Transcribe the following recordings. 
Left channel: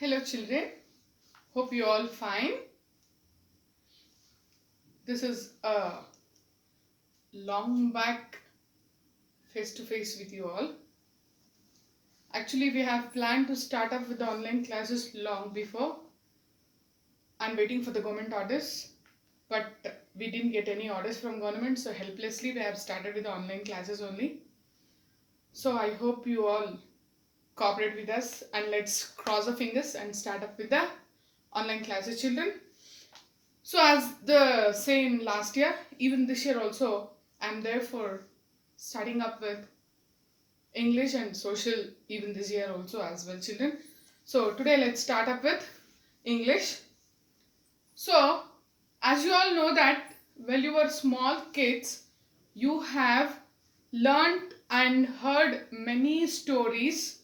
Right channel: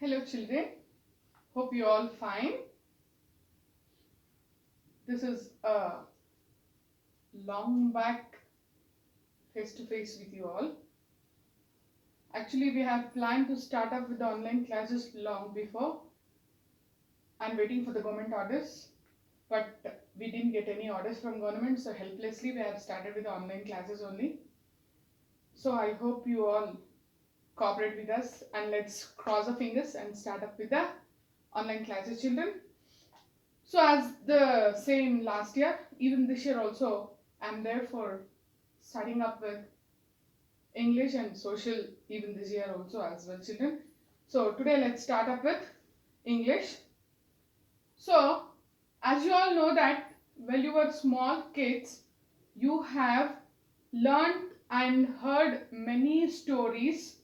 Hello children, hope you all fine. This is a long back face to face with you all. Actually, we have planned to start up with the online classes long before. I'm waiting for the government orders, but we didn't get any orders from government, so helplessly we have started with the online classes only. So I hope you all cooperate with us and let's cross our fingers and start up with the online classes, children. So as the same last year, even this year also, I'm there for starting up with English and social even this year also as well, children. So today let's start up with English. So as you all know that when you were small kids, you have learned and heard many stories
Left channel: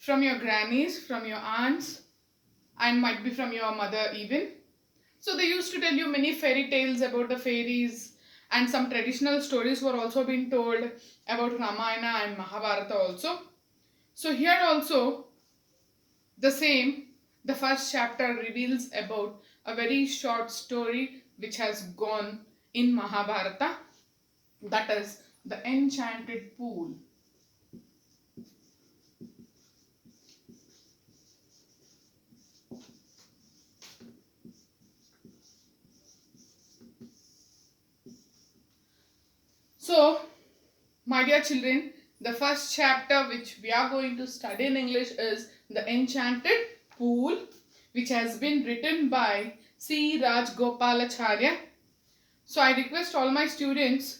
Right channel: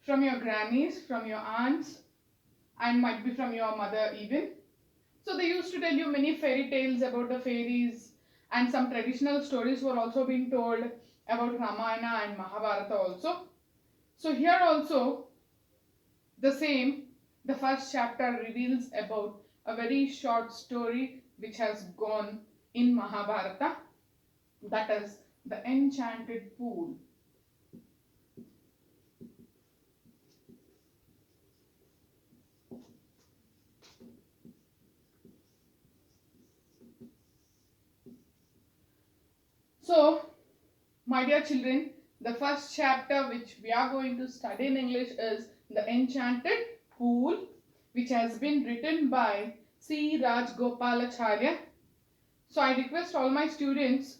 from your grannies, from your aunts, and might be from your mother even. So they used to tell you many fairy tales about the fairies, and some traditional stories were also being told about Ramayana and Mahabharata also. So here also the same, the first chapter reveals about a very short story which has gone in Mahabharata, that is the Enchanted Pool. So, my dear children, the first chapter which we are going to study in English is the Enchanted Pool, which has been written by C. Rajgopalacharya. So, I request all my students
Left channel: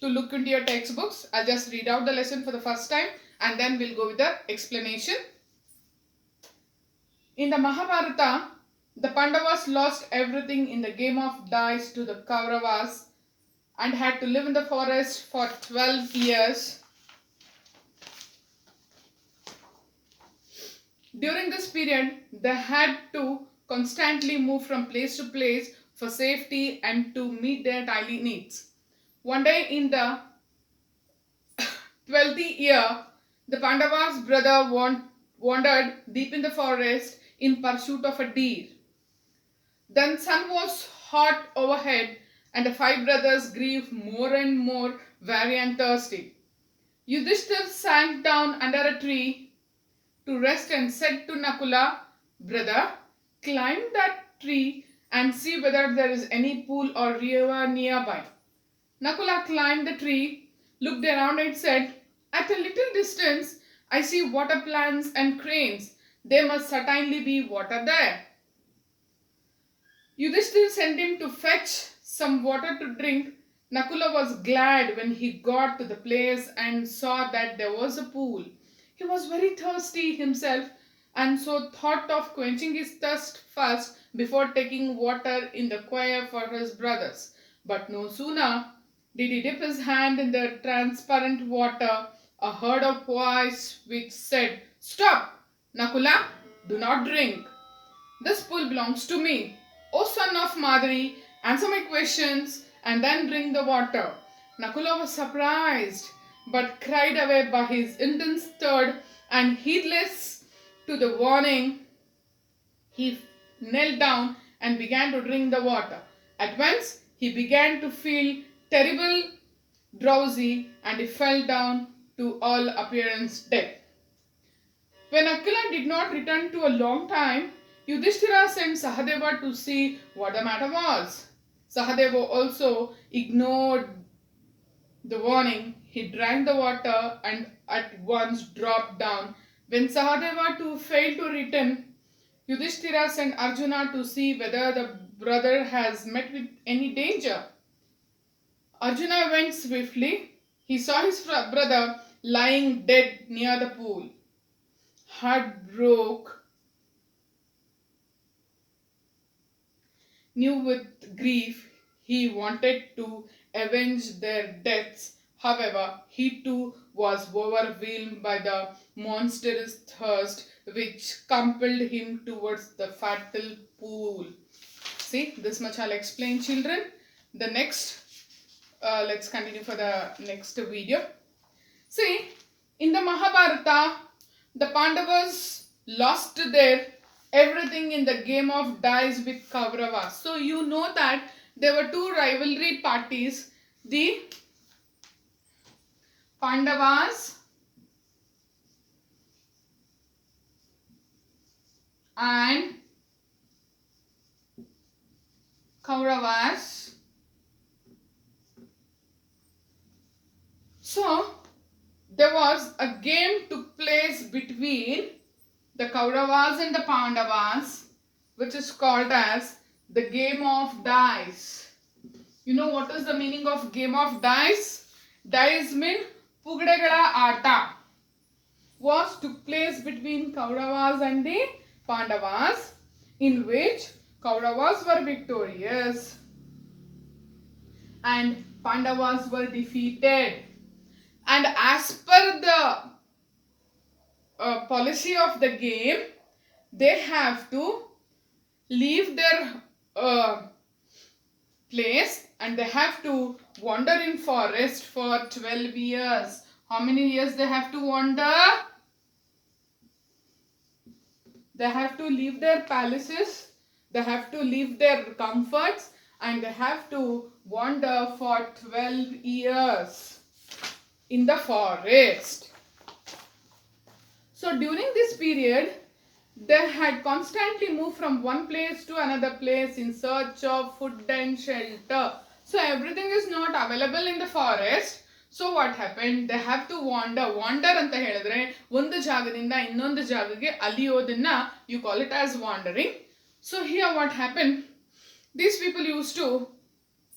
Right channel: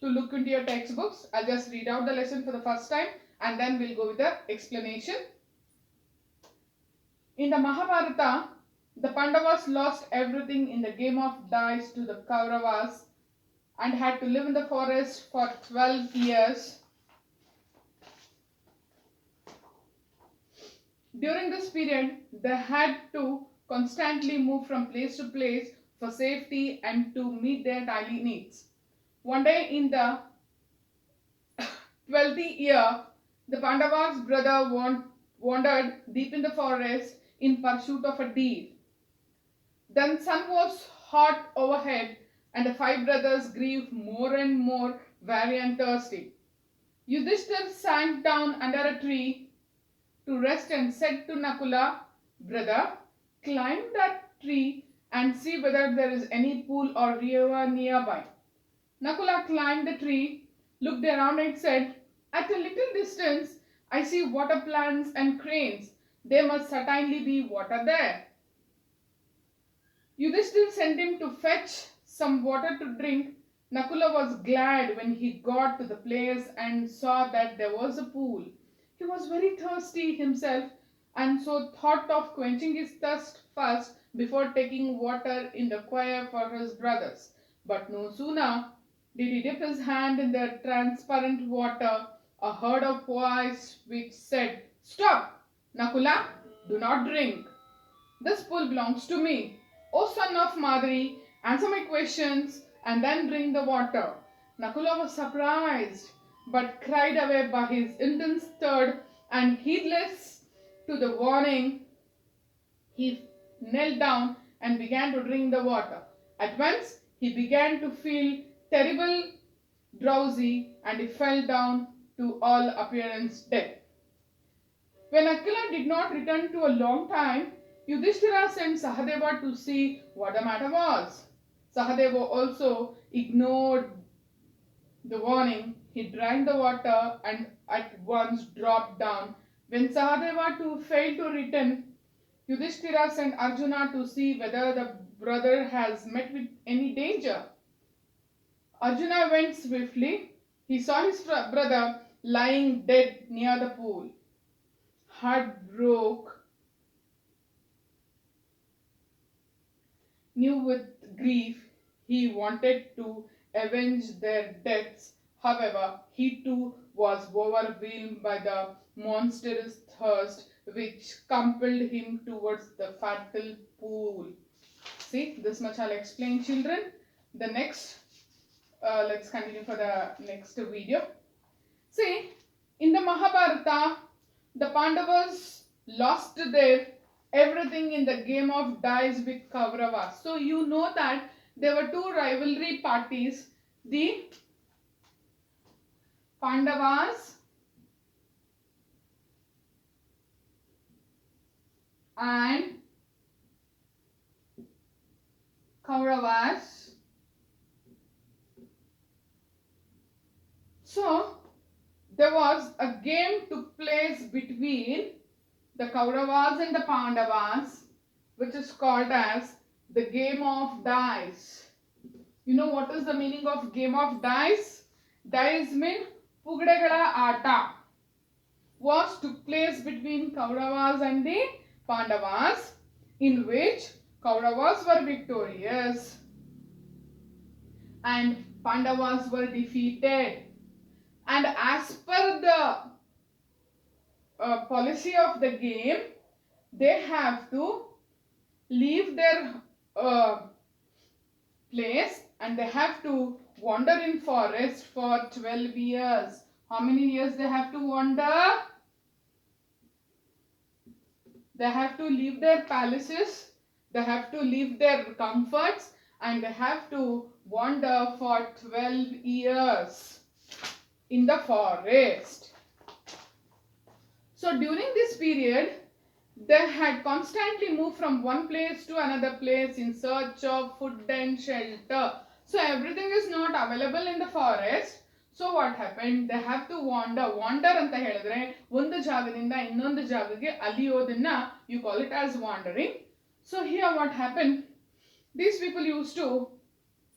to look into your textbooks. I'll just read out the lesson for the first time and then we'll go with the explanation. In the Mahabharata, the Pandavas lost everything in the game of dice to the Kauravas and had to live in the forest for 12 years. During this period, they had to constantly move from place to place for safety and to meet their daily needs. One day in the 12th year, the Pandavas' brother wandered deep in the forest in pursuit of a deer. Then sun was hot overhead and the five brothers grew more and more weary and thirsty. Yudhishthir sank down under a tree to rest and said to Nakula, "Brother, climb that tree and see whether there is any pool or river nearby." Nakula climbed the tree, looked around and said, "At a little distance, I see water plants and cranes. There must certainly be water there." Yudhishthir sent him to fetch some water to drink. Nakula was glad when he got to the place and saw that there was a pool. He was very thirsty himself and so thought of quenching his thirst first before taking water in the quay for his brothers. But no sooner did he dip his hand in the transparent water, a heard a voice which said, "Stop, Nakula, do not drink. This pool belongs to me. O son of Madri, answer my questions and then drink the water." Nakula was surprised but cried away by his intense thirst, and heedless to the warning, he knelt down and began to drink the water. At once he began to feel terrible drowsy and he fell down to all appearance dead. When Nakula did not return to a long time, Yudhishthira sent Sahadeva to see what the matter was. Sahadeva also ignored the warning. He drank the water and at once dropped down. When Sahadeva too failed to return, Yudhishthira sent Arjuna to see whether the brother has met with any danger. Arjuna went swiftly. He saw his brother lying dead near the pool. Heart broke, knew with grief, he wanted to avenge their deaths. However, he too was overwhelmed by the monstrous thirst which compelled him towards the fatal pool. See, this much I'll explain, children. The next, let's continue for the next video. See, in the Mahabharata, the Pandavas lost their everything in the game of dice with Kauravas. So you know that there were two rivalry parties, the Pandavas and Kauravas. So there was a game took place between the Kauravas and the Pandavas, which is called as the game of dice. You know what is the meaning of game of dice? Dice mean Pugdegala Ata was took place between Kauravas and the Pandavas, in which Kauravas were victorious and Pandavas were defeated. And as per the policy of the game, they have to leave their place and they have to wander in forest for 12 years. How many years they have to wander? They have to leave their palaces, they have to leave their comforts, and they have to wander for 12 years in the forest. So during this period, they had constantly moved from one place to another place in search of food and shelter. So everything is not available in the forest. So what happened? They have to wander. Wander ಅಂತ ಹೇಳಿದ್ರೆ ಒಂದು ಜಾಗದಿಂದ ಇನ್ನೊಂದು ಜಾಗಕ್ಕೆ ಅಲಿಯೋದನ್ನ you call it as wandering. So here what happened? These people used to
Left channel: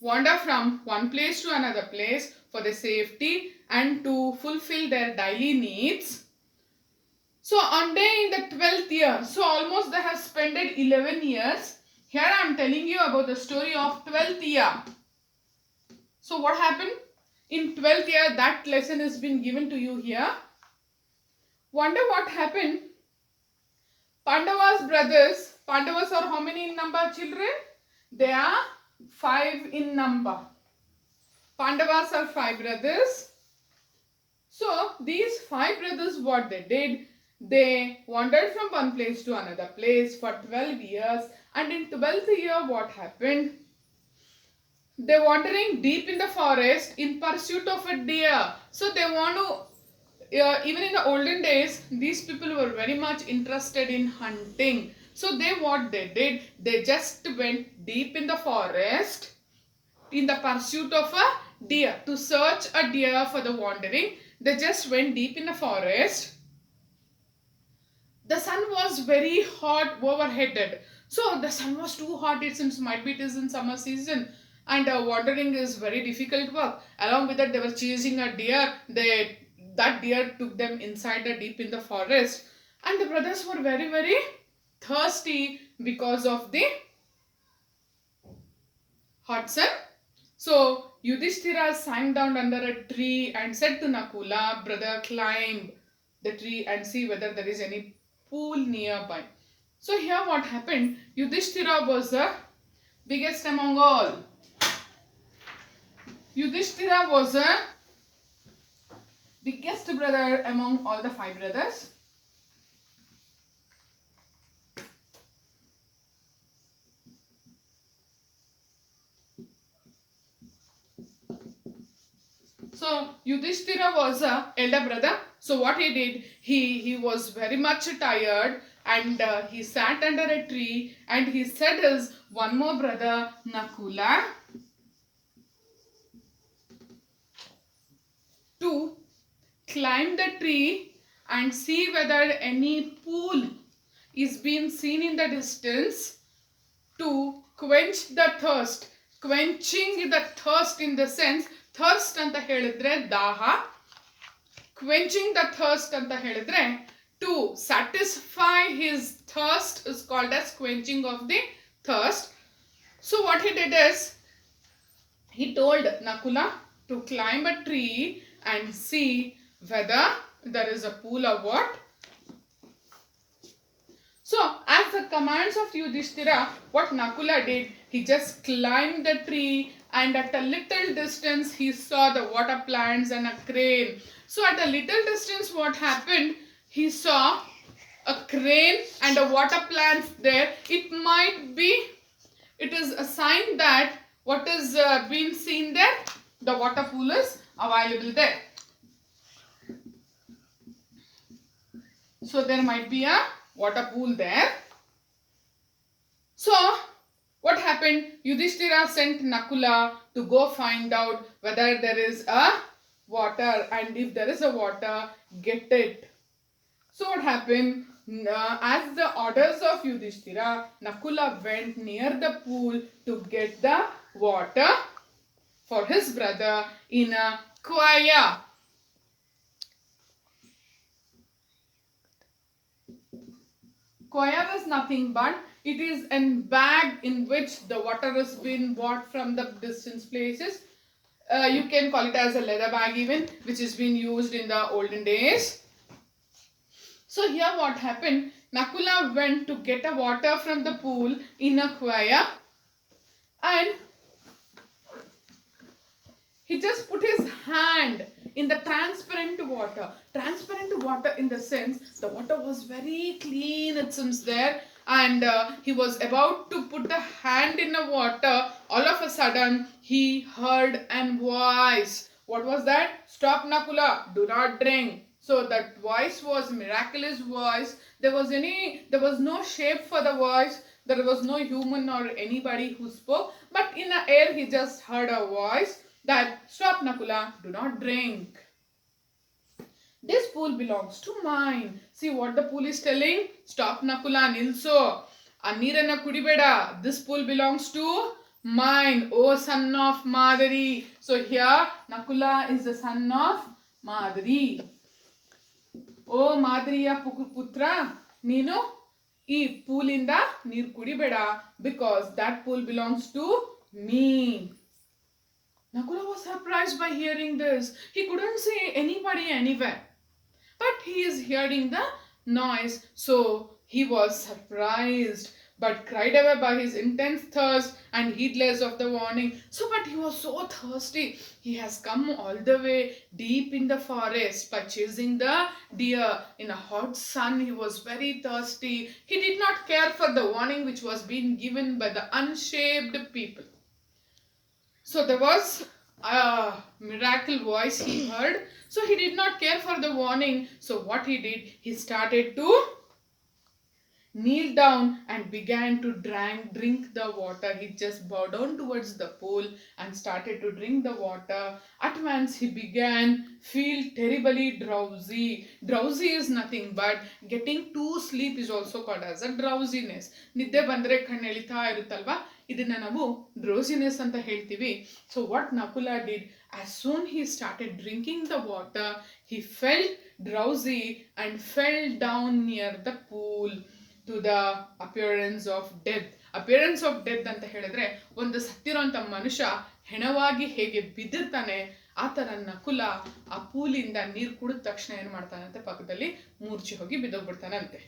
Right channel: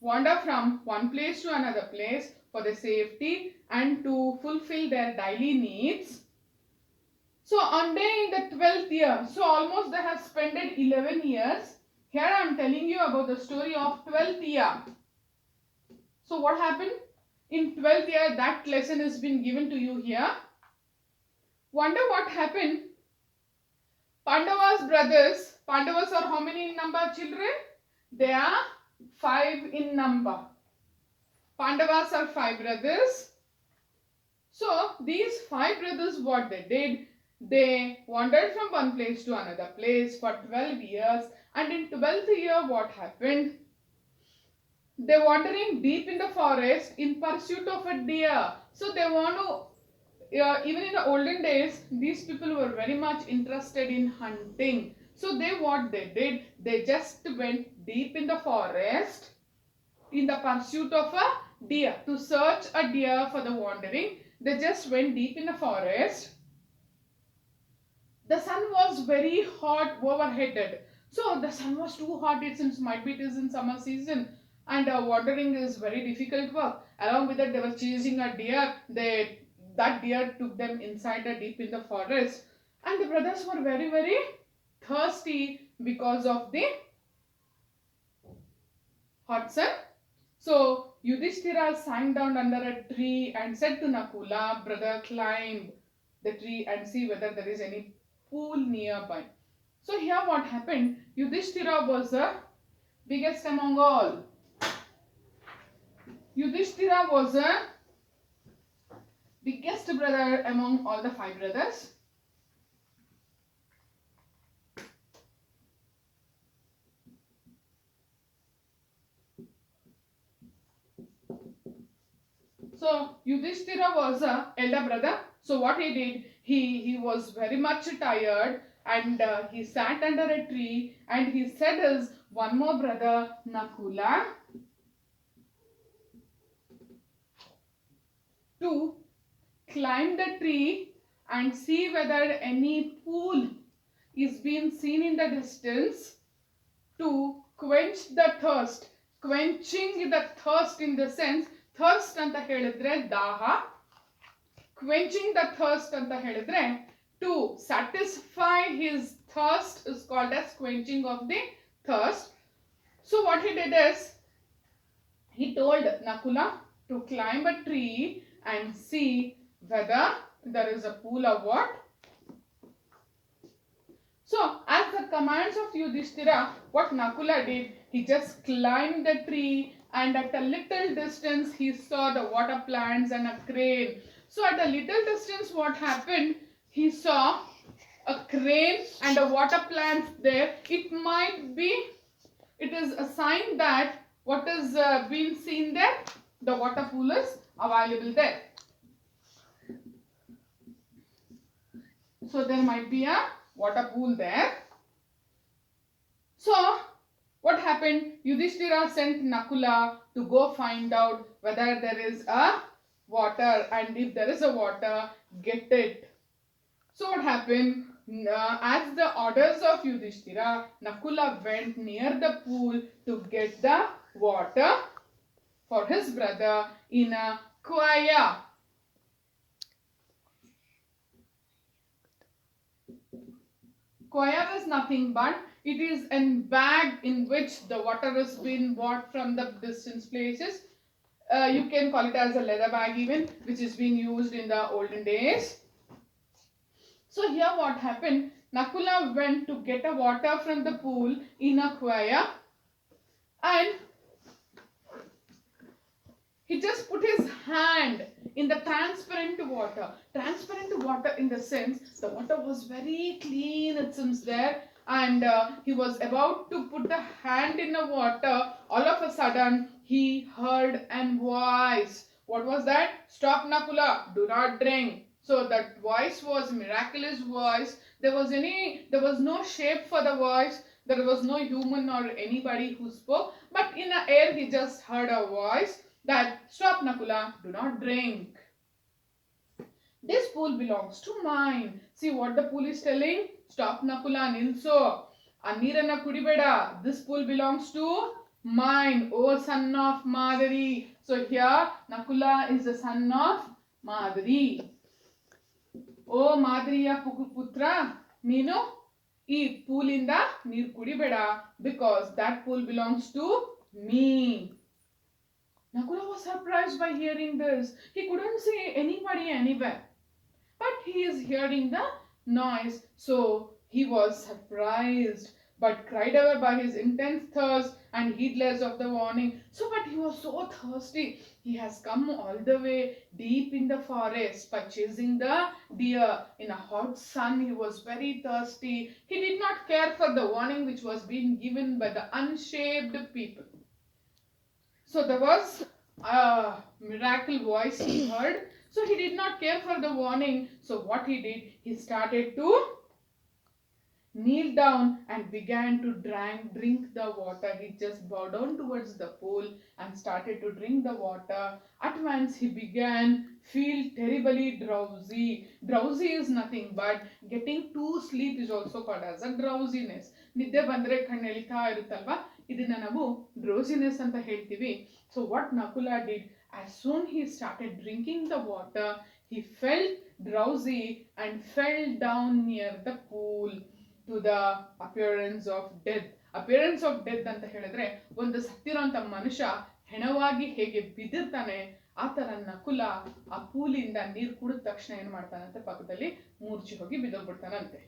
wander from one place to another place for their safety and to fulfill their daily needs. So on day in the 12th year, so almost they have spent 11 years. Here I am telling you about the story of 12th year. So what happened? In 12th year, that lesson has been given to you here. Wonder what happened? Pandavas brothers, Pandavas are how many in number, children? They are 5 in number. Pandavas are 5 brothers. So these 5 brothers, what they did? They wandered from one place to another place for 12 years, and in 12th year what happened? They wandering deep in the forest in pursuit of a deer. So they want to, even in the olden days, these people were very much interested in hunting. So what they did, they just went deep in the forest in the pursuit of a deer, to search a deer for the wandering. They just went deep in the forest. The sun was very hot overheaded. So the sun was too hot. It seems might be it is in summer season, and wandering is very difficult work. Along with that, they were chasing a deer. That deer took them inside deep in the forest, and the brothers were very, very thirsty because of the hot sun. So Yudhishthira sang down under a tree and said to Nakula, brother, climb the tree and see whether there is any pool nearby. So here what happened? Yudhishthira was the biggest among all. Yudhishthira was the biggest brother among all the 5 brothers. So Yudhishthira was a elder brother. So what he did, he was very much tired, and he sat under a tree and he said his one more brother Nakula to climb the tree and see whether any pool is being seen in the distance to quench the thirst. Quenching the thirst in the sense, thirst ಅಂತ ಹೇಳಿದ್ರೆ ದಾಹ, quenching the thirst ಅಂತ ಹೇಳಿದ್ರೆ to satisfy his thirst is called as quenching of the thirst. So what he did is, he told Nakula to climb a tree and see whether there is a pool or what. So as the commands of Yudhishthira, what Nakula did, he just climbed the tree, and at a little distance he saw the water plants and a crane. So at a little distance what happened? He saw a crane and a water plant there, it is a sign that what is being seen there, the water pool is available there. So there might be a water pool there. So what happened? Yudhishthira sent Nakula to go find out whether there is a water, and if there is a water, get it. So what happened? As the orders of Yudhishthira, Nakula went near the pool to get the water for his brother in a quaya. Quaya is nothing but it is a bag in which the water has been bought from the distant places. You can call it as a leather bag even, which has been used in the olden days. So here what happened? Nakula went to get a water from the pool in a quaya, and he just put his hand in the transparent water. Transparent water in the sense the water was very clean, it seems there. And he was about to put the hand in the water. All of a sudden, he heard a voice. What was that? Stop, Nakula. Do not drink. So that voice was miraculous voice. There was no shape for the voice. There was no human or anybody who spoke. But in the air, he just heard a voice that stop, Nakula, do not drink. This pool belongs to mine. See what the pool is telling? Stop, Nakula, nilso. Anirana kudibeda. This pool belongs to mine, O son of Madari. So here Nakula is the son of Madari. O Madariya putra, Nino, ee pool inda neer kudibeda, because that pool belongs to me. Nakula was surprised by hearing this. He couldn't see anybody anywhere, but he is hearing the noise. So he was surprised, but cried away by his intense thirst and heedless of the warning. So, but he was so thirsty. He has come all the way deep in the forest by chasing the deer. In a hot sun, he was very thirsty. He did not care for the warning which was being given by the unshaped people. So there was a miracle voice he heard. So he did not care for the warning. So what he did, he started to kneel down and began to drink the water. He just bowed down towards the pool and started to drink the water. At once he began feel terribly drowsy. Drowsy is nothing but getting to sleep is also called as a drowsiness. ನಿದ್ದೆ ಬಂದ್ರೆ ಕಣ್ಣು ಎಳಿತಾ ಇರುತ್ತಲ್ವಾ, ಇದನ್ನ ನಾವು ಡ್ರೋಸಿನೆಸ್ ಅಂತ ಹೇಳ್ತೀವಿ. So what Nakula did, as soon he started drinking the water, he felt drowsy and fell down near the pool to the appearance of death. Appearance of death ಅಂತ ಹೇಳಿದ್ರೆ ಒಂದು ಸತ್ತಿರೋಂಥ ಮನುಷ್ಯ ಹೆಣವಾಗಿ ಹೇಗೆ ಬಿದ್ದಿರ್ತಾನೆ, ಆ ತರ ನಕುಲ ಆ ಪೂಲಿಂದ ನೀರು ಕುಡಿದ ತಕ್ಷಣ ಏನ್ ಮಾಡ್ತಾನಂತೆ, ಪಕ್ಕದಲ್ಲಿ ಮೂರ್ಛೆ ಹೋಗಿ ಬಿದ್ದೋಗ್ಬಿಡ್ತಾನಂತೆ.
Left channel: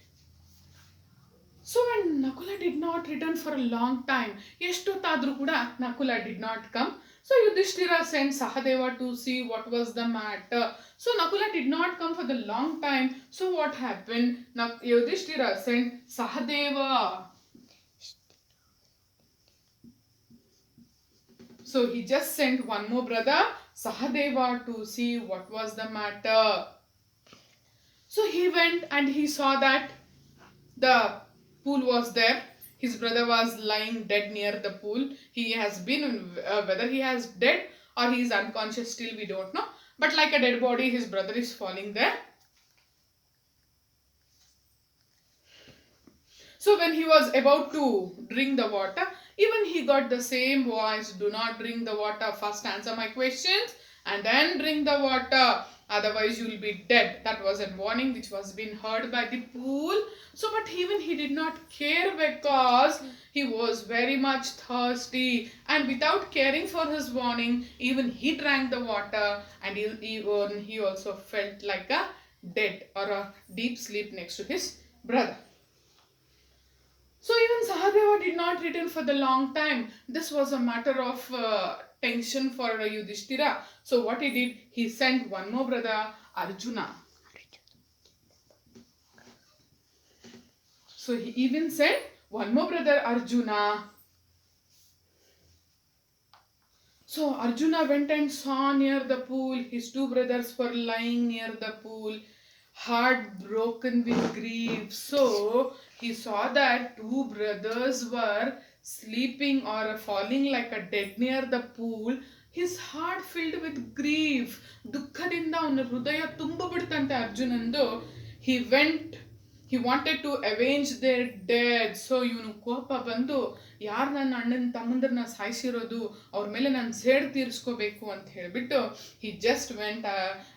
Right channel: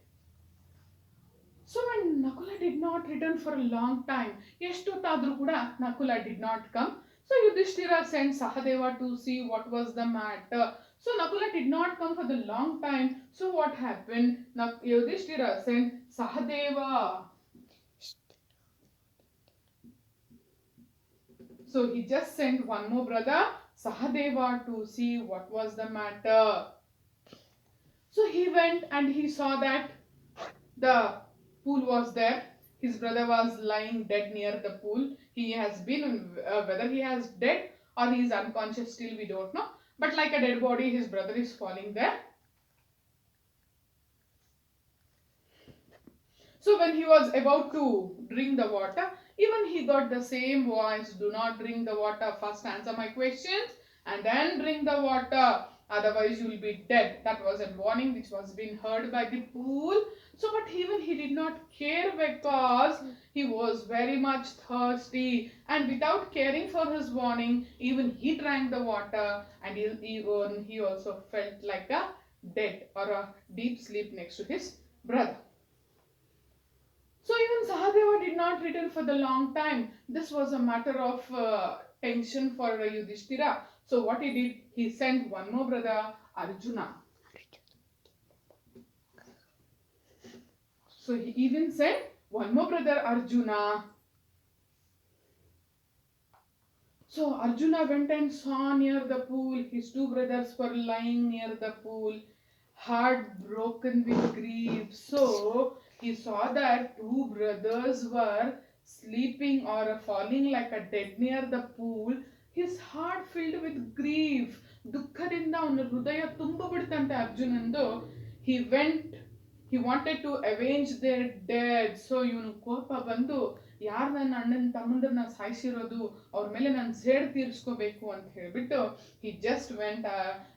So when Nakula did not return for a long time, ಎಷ್ಟೊತ್ತಾದ್ರೂ ಕೂಡ Nakula did not come. So Yudhishthira sent Sahadeva to see what was the matter. So Nakula did not come for the long time. So what happened? Yudhishthira sent Sahadeva. So he just sent one more brother, Sahadeva, to see what was the matter. So he went and he saw that the pool was there. His brother was lying dead near the pool. He has been, whether he has dead or he is unconscious still, we don't know. But like a dead body, his brother is falling there. So when he was about to drink the water, even he got the same voice, do not drink the water, first answer my questions and then drink the water, otherwise you will be dead. That was a warning which was being heard by the pool. So but even he did not care, because he was very much thirsty, and without caring for his warning, even he drank the water, and he also felt like a dead or a deep sleep next to his brother. So even Sahadeva did not return for the long time. This was a matter of tension for Yudhishthira. So what he did, he sent one more brother, Arjuna. So he even said, one more brother, Arjuna. So Arjuna went and saw near the pool. His two brothers were lying near the pool, heartbroken with grief. So he saw that two brothers were sleeping or falling like a dead near the pool. His heart filled with grief. ದುಃಖದಿಂದ ಅವನ ಹೃದಯ ತುಂಬ ಬಿಡ್ತಂತೆ ಅರ್ಜುನಂದು. He went, he wanted to avenge their dead. So ಇವನು ಕೋಪ ಬಂದು, ಯಾರು ನನ್ನ ಅಣ್ಣನ ತಮ್ಮಂದ್ರನ್ನ ಸಾಯಿಸಿರೋದು ಅವ್ರ ಮೇಲೆ ನಾನು ಸೇಡ್ ತೀರಿಸ್ಕೋಬೇಕು ಅಂತ ಹೇಳ್ಬಿಟ್ಟು he just went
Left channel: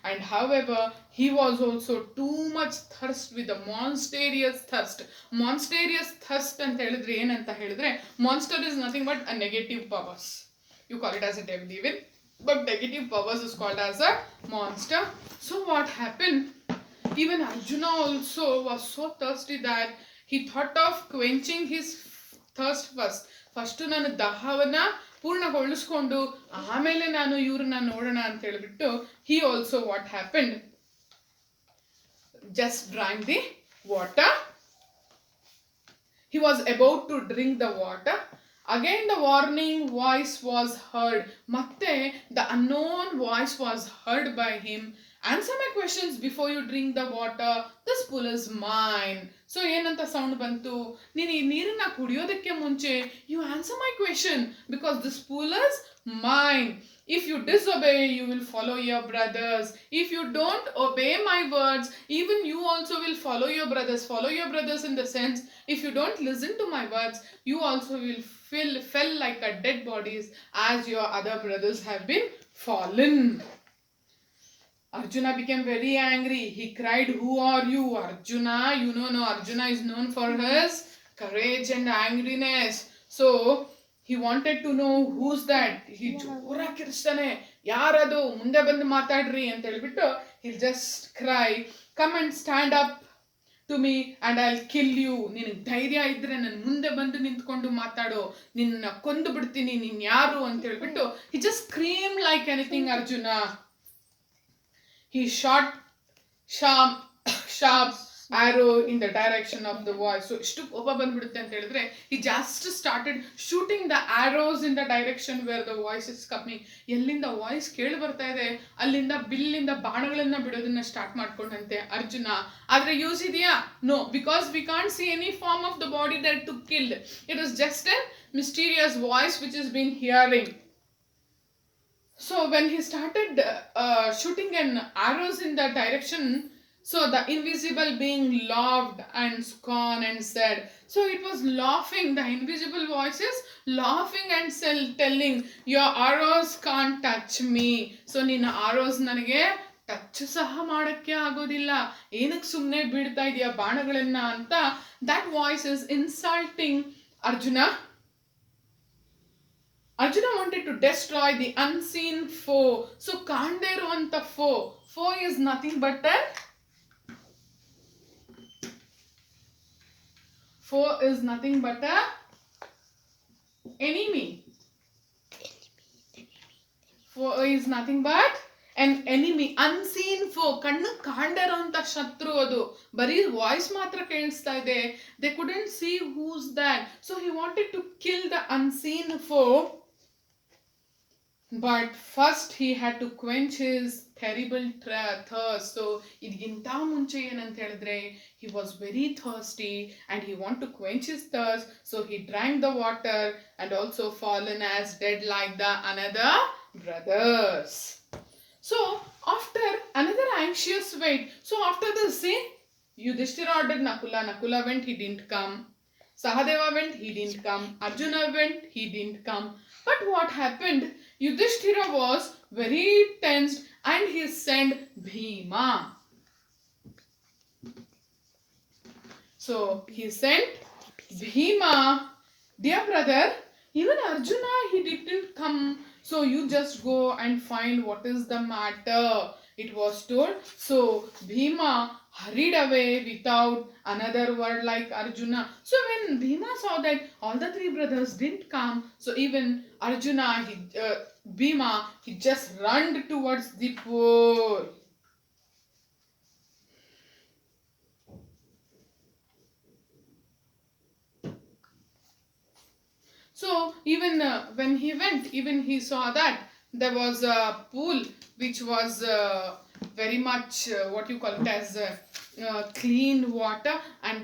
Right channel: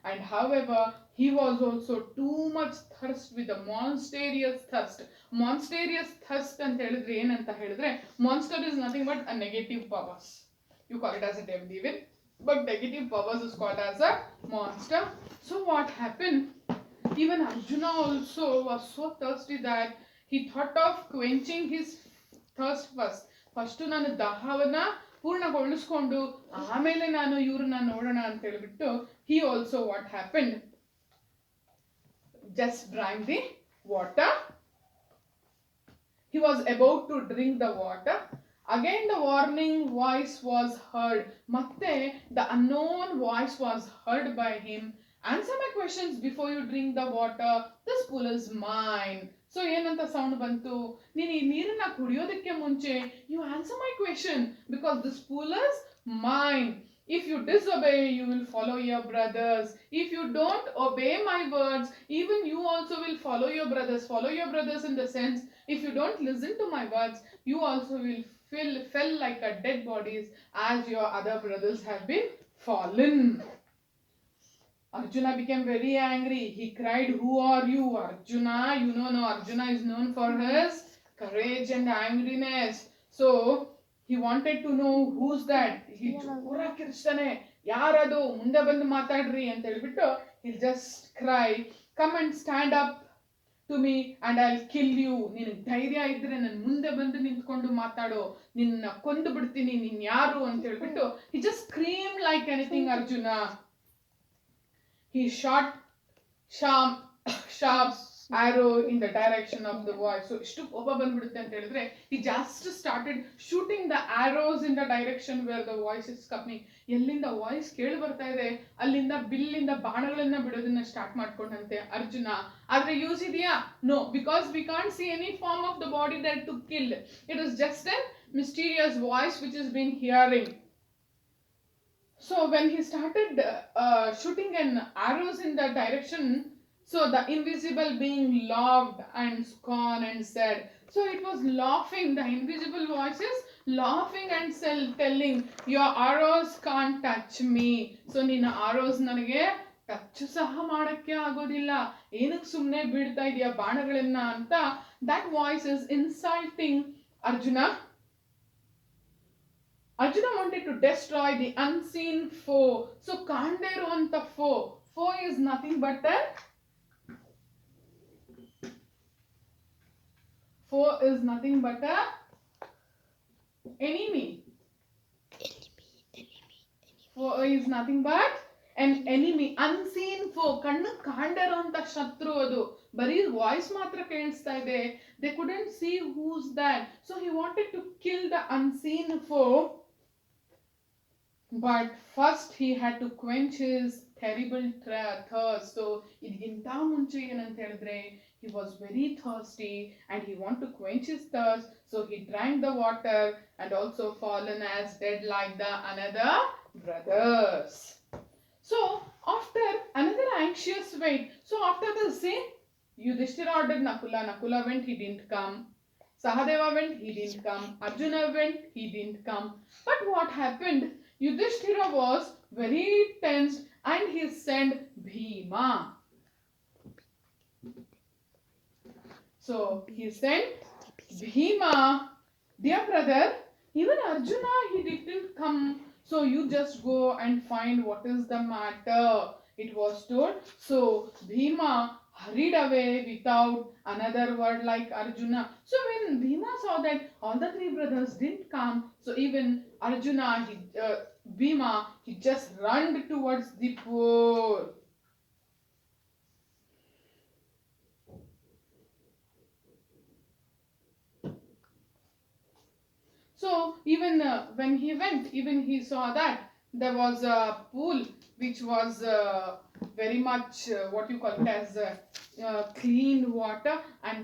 and however he was also too much thirst with a monstrous thirst. Monstrous thirst ಅಂತ ಹೇಳಿದ್ರೆ ಏನಂತ ಹೇಳಿದ್ರೆ, monster is nothing but a negative powers. You call it as a devil, but negative powers is called as a monster. So what happened, even Arjuna also was so thirsty that he thought of quenching his thirst first ನಾನು ದಾಹವನ್ನ ಪೂರ್ಣಗೊಳಿಸ್ಕೊಂಡು ಆಮೇಲೆ ನಾನು ಇವ್ರನ್ನ ನೋಡೋಣ ಅಂತ ಹೇಳ್ಬಿಟ್ಟು he also what happened, just drank the water. He was about to drink the water. Again the warning voice was heard. ಮತ್ತೆ the unknown voice was heard by him. Answer my questions before you drink the water. This pool is mine. So ಏನಂತ sound ಬಂತು, ನೀನು ಈ ನೀರನ್ನ ಕುಡಿಯೋದಕ್ಕೆ ಮುಂಚೆ you answer my question because this pool is mine. If you disobey, you will follow your brothers. If you don't obey my words, even you also will follow your brothers. Follow your brothers in the sense, if you don't listen to my words, you also will fell like a dead bodies as your other brothers have been fallen. Arjuna became very angry. He cried, who are you, Arjuna? You know, no, Arjuna is known for his courage and angriness. So he wanted to know who's that. He ಜೋರಾಗಿ ಕಿರ್ಸ್ತಾನೆ, ಯಾರದು, ಮುಂದೆ ಬಂದು ಮಾತಾಡ್ರಿ ಅಂತ ಹೇಳ್ಬಿಟ್ಟು he'll just cry, come and stand up to me and I'll kill you. ನಿನಗೆ ಧೈರ್ಯ ಇದ್ರೆ ನನ್ನ ಮುಂದೆ ಬಂದು ನಿಂತ್ಕೊಂಡು ಮಾತಾಡೋ, ನಿನ್ನ ಕೊಂದು ಬಿಡ್ತೀನಿ, ನೀನ್ ಯಾರು ಅಂತ ಹೇಳ್ಬಿಟ್ಟು he just screamed like anything. Arjuna, he shot sharp arrow in the direction of the voice. So ಇಷ್ಟು ಕೋಪ ಬಂದ್ಬಿಡುತ್ತೆ ಅಂತ ಹೇಳಿದ್ರೆ he just started shooting the arrows in the direction where the voice is coming. ಎಲ್ಲಿಂದ voice ಕೇಳಿ ಬರ್ತಾ ಇದೆ ಅಲ್ಲಿಂದ ಬಿಲ್ಲಿಂದ ಬಾಣಗಳನ್ನ ಬಿಡೋದನ್ನ ಸ್ಟಾರ್ಟ್ ಮಾಡ್ಕೊಂಡಂತೆ ಅರ್ಜುನ. ಆದ್ರೆ ಯೂಸ್ ಇದೆಯಾ? No, because we can't see any form of the body that took killed. It is just a mysterious voice which has been hearing. So when he started shooting an arrows in the direction, so the invisible being laughed and scorned and said, so it was laughing, the invisible voice is laughing and telling, your arrows can't touch me. So nina arrows ನನಗೆ touch ಸಹ ಮಾಡಕ್ಕೆ ಆಗೋದಿಲ್ಲ, ಏನಕ್ಕೆ ಸುಮ್ಮನೆ ಬೀಳ್ತಾ ಇದೆಯಾ ಬಾಣಗಳನ್ನ ಅಂತ. that voice is insulting Arjuna. Arjuna wanted to destroy the unseen foe. So ಕಾಣದೇ ಇರುವಂತ foe is nothing but a enemy. Foe is nothing but an enemy. unseen foe, ಕಣ್ಣು ಕಾಣದೇ ಇರುವಂತ ಶತ್ರು. ಅದು ಬರೀ ವಾಯ್ಸ್ ಮಾತ್ರ ಕೇಳಿಸ್ತಾ ಇದೆ, they couldn't see who's that. So he wanted to kill the unseen foe. But first he had to quench his terrible thirst. So ಇದಕ್ಕಿಂತ ಮುಂಚೆ ಏನಂತ ಹೇಳಿದ್ರೆ he was very thirsty and he wanted to quench his thirst. So he drank the water and also fallen as dead like the another brothers. So after another anxious wait, so after the scene, Yudhishthira ordered Nakula went, he didn't come. Sahadeva went, he didn't come. Arjuna went, he didn't come. But what happened? Yudhishthira was very tensed and he sent Bhima. So he sent Bhima, dear brother, even Arjuna, he didn't come. So you just go and find what is the matter, it was told. So Bhima hurried away without another word like Arjuna. So when Bhima saw that all the three brothers didn't come, so even Arjuna, Bhima, he just ran towards the pool. So even when he went, even he saw that there was a pool which was very much what you call it as clean water, and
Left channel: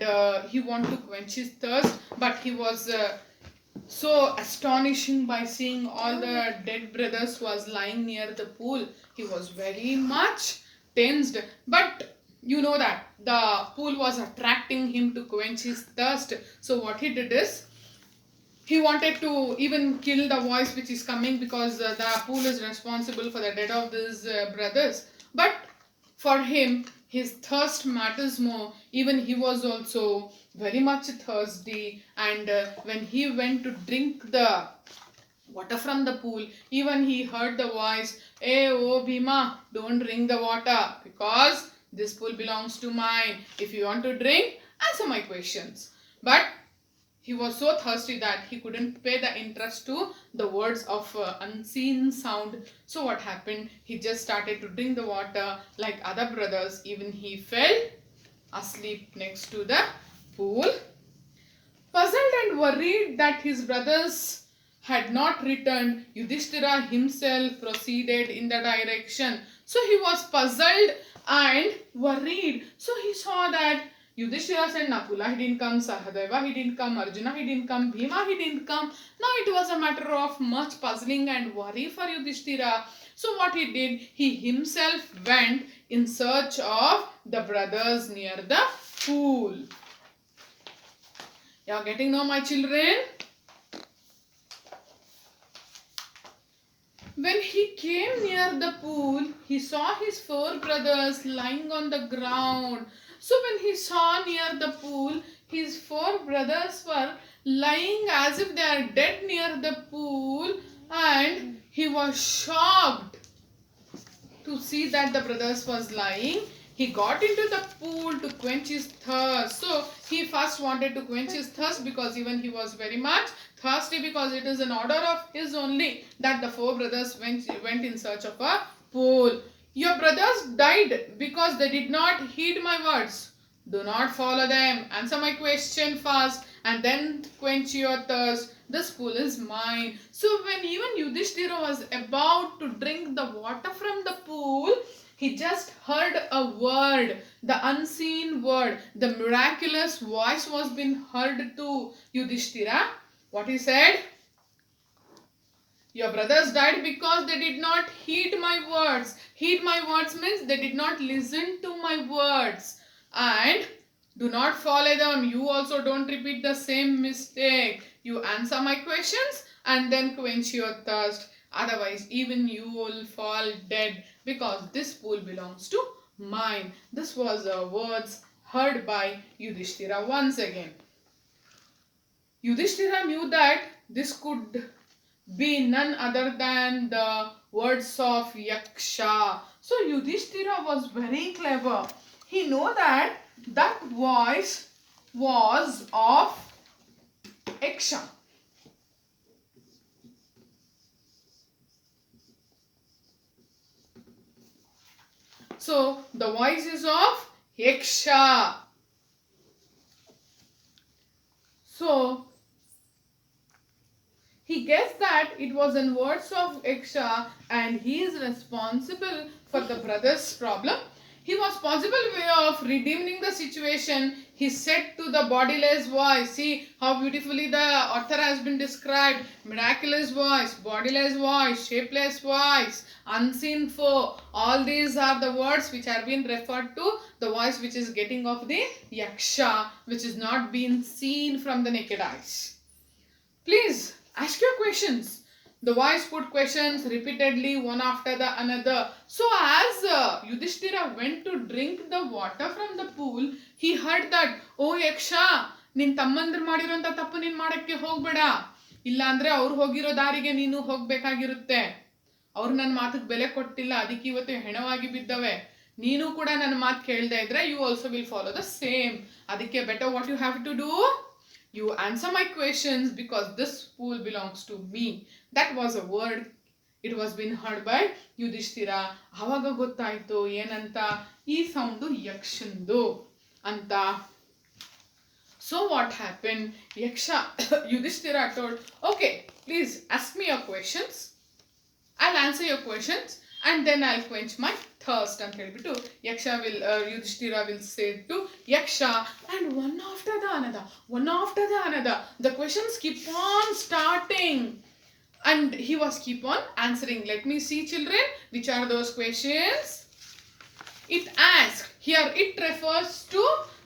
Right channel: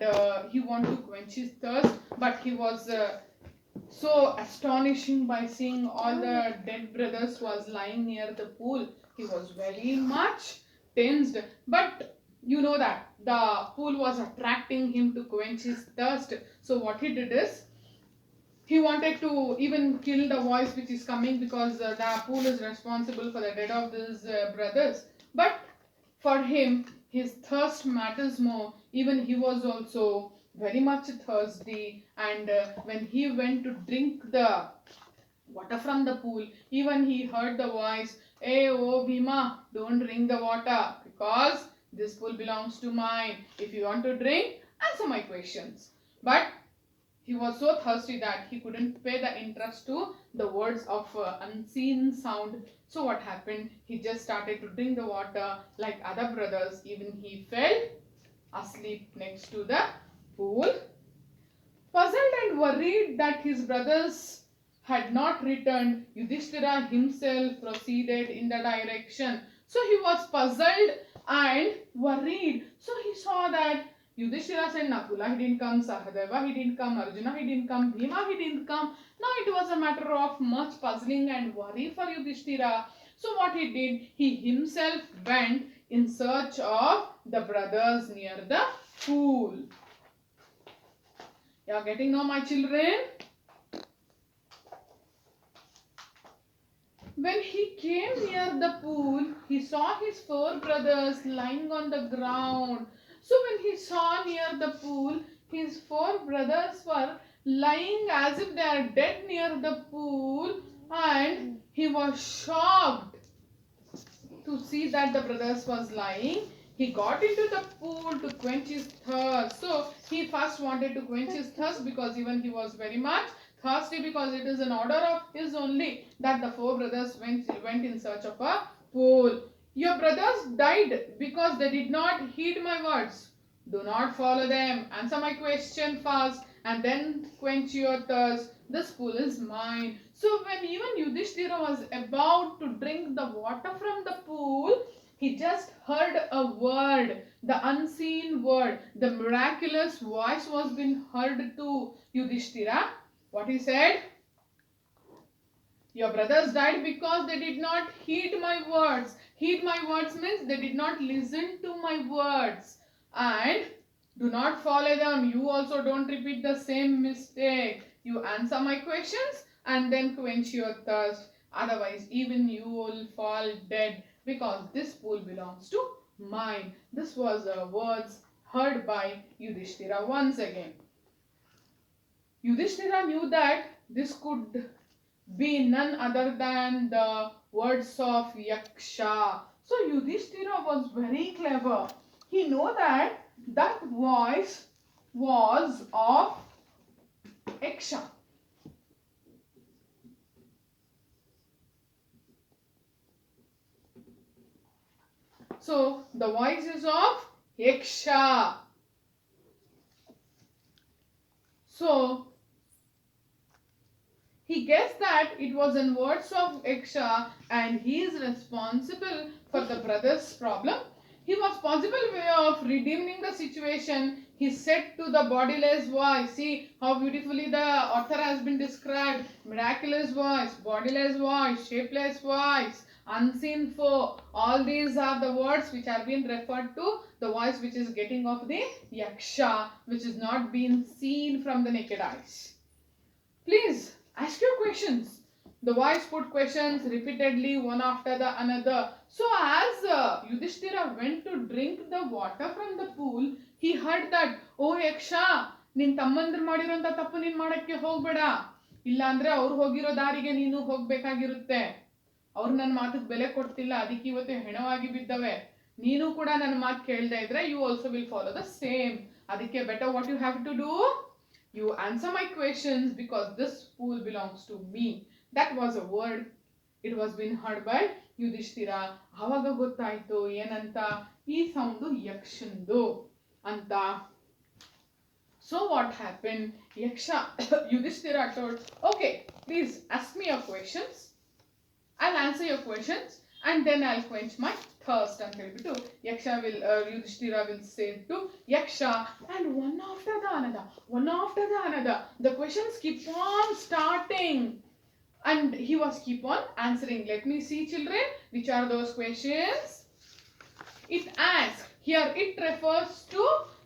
he wanted to quench his thirst, but he was so astonishing by seeing all the dead brothers was lying near the pool. He was very much tensed, but you know that the pool was attracting him to quench his thirst. So what he did is he wanted to even kill the voice which is coming, because the pool is responsible for the death of his brothers. But for him, his thirst matters more. Even he was also very much thirsty, and when he went to drink the water from the pool, even he heard the voice, "Hey, oh Bhima, don't drink the water because this pool belongs to mine. If you want to drink, answer my questions." But he was so thirsty that he couldn't pay the interest to the words of unseen sound. So what happened? He just started to drink the water like other brothers. Even he fell asleep next to the pool. Puzzled and worried that his brothers had not returned, Yudhishthira himself proceeded in the direction. So he was puzzled and worried. So he saw that Yudhishthira said, Nakula, he didn't come, Sahadeva, he didn't come, Arjuna, he didn't come, Bhima, he didn't come. Now it was a matter of much puzzling and worry for Yudhishthira. So what he did, he himself went in search of the brothers near the pool. You are getting now, my children? When he came near the pool, he saw his four brothers lying on the ground. So when he saw near the pool, his four brothers were lying as if they are dead near the pool, and he was shocked to see that the brothers was lying. He got into the pool to quench his thirst. So he first wanted to quench his thirst because even he was very much thirsty, because it is an order of his only that the four brothers went in search of a pool. Your brothers died because they did not heed my words. Do not follow them. Answer my question first and then quench your thirst. This pool is mine. So when even Yudhishthira was about to drink the water from the pool, he just heard a word, the unseen word. The miraculous voice was being heard to Yudhishthira. What he said? Your brothers died because they did not heed my words. Heed my words means they did not listen to my words. And do not follow them. You also don't repeat the same mistake. You answer my questions and then quench your thirst. Otherwise, even you will fall dead, because this pool belongs to mine. This was the words heard by Yudhishthira once again. Yudhishthira knew that this could be none other than the words of Yaksha. So Yudhishthira was very clever. He knew that that voice was of Yaksha. So the voice is of Yaksha. So he guessed that it was in words of Yaksha, and he is responsible for the brothers' problem. He was possible way of redeeming the situation. He said to the bodiless voice, see how beautifully the author has been described. Miraculous voice, bodiless voice, shapeless voice, unseen foe. All these are the words which are being referred to the voice which is getting of the Yaksha, which is not being seen from the naked eyes. Please ask your questions. The voice put questions repeatedly, one after the another. So as Yudhishthira went to drink the water from the pool, he heard that, oh Yaksha, ನಿನ್ ತಮ್ಮಂದ್ರು ಮಾಡಿರೋಂಥ ತಪ್ಪು ನೀನ್ ಮಾಡಕ್ಕೆ ಹೋಗ್ಬೇಡ. ಇಲ್ಲ ಅಂದ್ರೆ ಅವ್ರು ಹೋಗಿರೋ ದಾರಿಗೆ ನೀನು ಹೋಗ್ಬೇಕಾಗಿರುತ್ತೆ. ಅವ್ರು ನನ್ನ ಮಾತಿಗೆ ಬೆಲೆ ಕೊಡ್ತಿಲ್ಲ, ಅದಕ್ಕೆ ಇವತ್ತು ಹೆಣವಾಗಿ ಬಿದ್ದವೆ. ನೀನು ಕೂಡ ನನ್ನ ಮಾತು ಕೇಳದೆ ಇದ್ರೆ you also will follow the same. ಅದಕ್ಕೆ better what you have to do? You answer my questions, because this pool belongs to me. That was a word. It was been heard by Yudhishthira. ಆವಾಗ ಗೊತ್ತಾಯ್ತು ಏನಂತ, ಈ sound ಯಕ್ಷಂದು ಅಂತ. So what happened? Yaksha Yudhishthira told, okay, please ask me your questions. I'll answer your questions and then I'll quench my thirst ಅಂತ ಹೇಳ್ಬಿಟ್ಟು Yudhishthira will say to Yaksha, and one after the another, the questions keep on starting and he was keep on answering. Let me see, children, which are those questions. It asks, here it refers to